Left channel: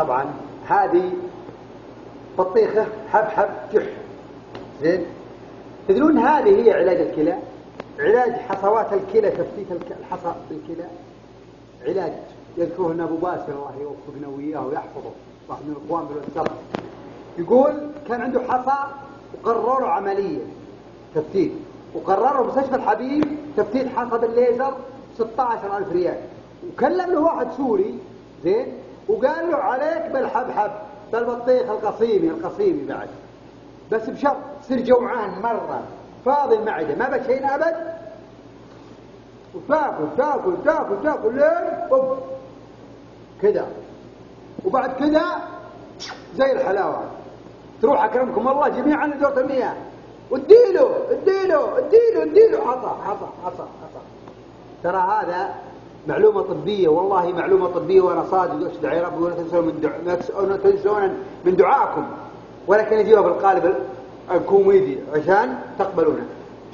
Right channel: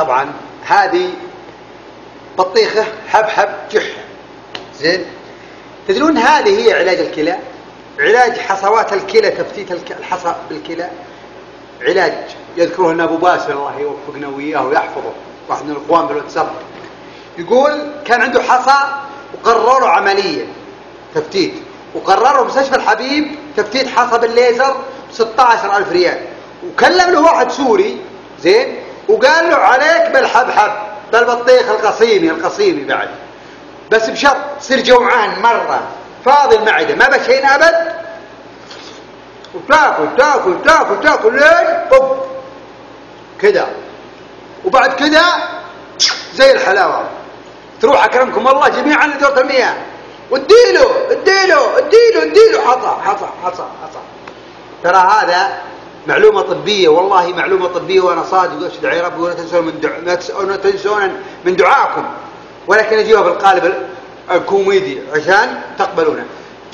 طبعا هذه بطيخة حبحب جح. زين، تدرون هذه هي علاج الكلى، علاج حصوات الكلى، تفتيت الحصى بالكلى، علاج يذكره لنا أبو باسل الله يوفقنا وإياه ويحفظه، واحد من الإخوان بالواتساب، يقول كان عنده حصى وقرروا عملية تفتيت، وقرروا مستشفى الحبيب تفتيت حصى بالليزر 16,000 ريال، وكلم له واحد سوري زين وقال له عليك بالحبحب بالبطيخ القصيمي بعد، بس بشرط تصير جوعان مرة فاضي المعدة ما بشين أبد، وتاكل تاكل تاكل تاكل لين طب كذا، وبعد كذا زي الحلاوة تروح أكرمكم الله جميعا لدورة المياه واديله اديله اديله اديله حصى. ترى هذا معلومة طبية، والله معلومة طبية وأنا صادق وأشهد على ربي، ولا تنسون من دعائكم، ولكن أجيبها بالقالب الكوميدي عشان تقبلونه.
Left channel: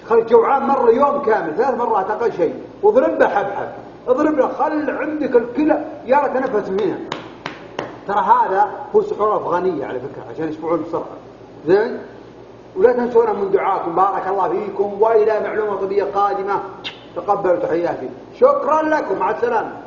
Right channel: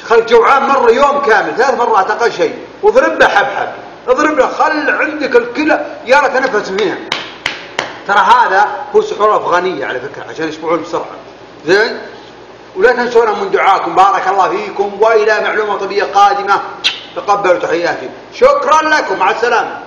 خل جوعان مرة يوم كامل 3 مرات أقل شيء، واضرب له حبحب، اضرب له، خل عندك الكلى يا تنفس منها. ترى هذا هو سحور أفغانية على فكرة عشان يشبعون بسرعة. زين، ولا تنسونا من دعائكم، بارك الله فيكم، وإلى معلومة طبية قادمة، تقبلوا تحياتي، شكرا لكم، مع السلامة.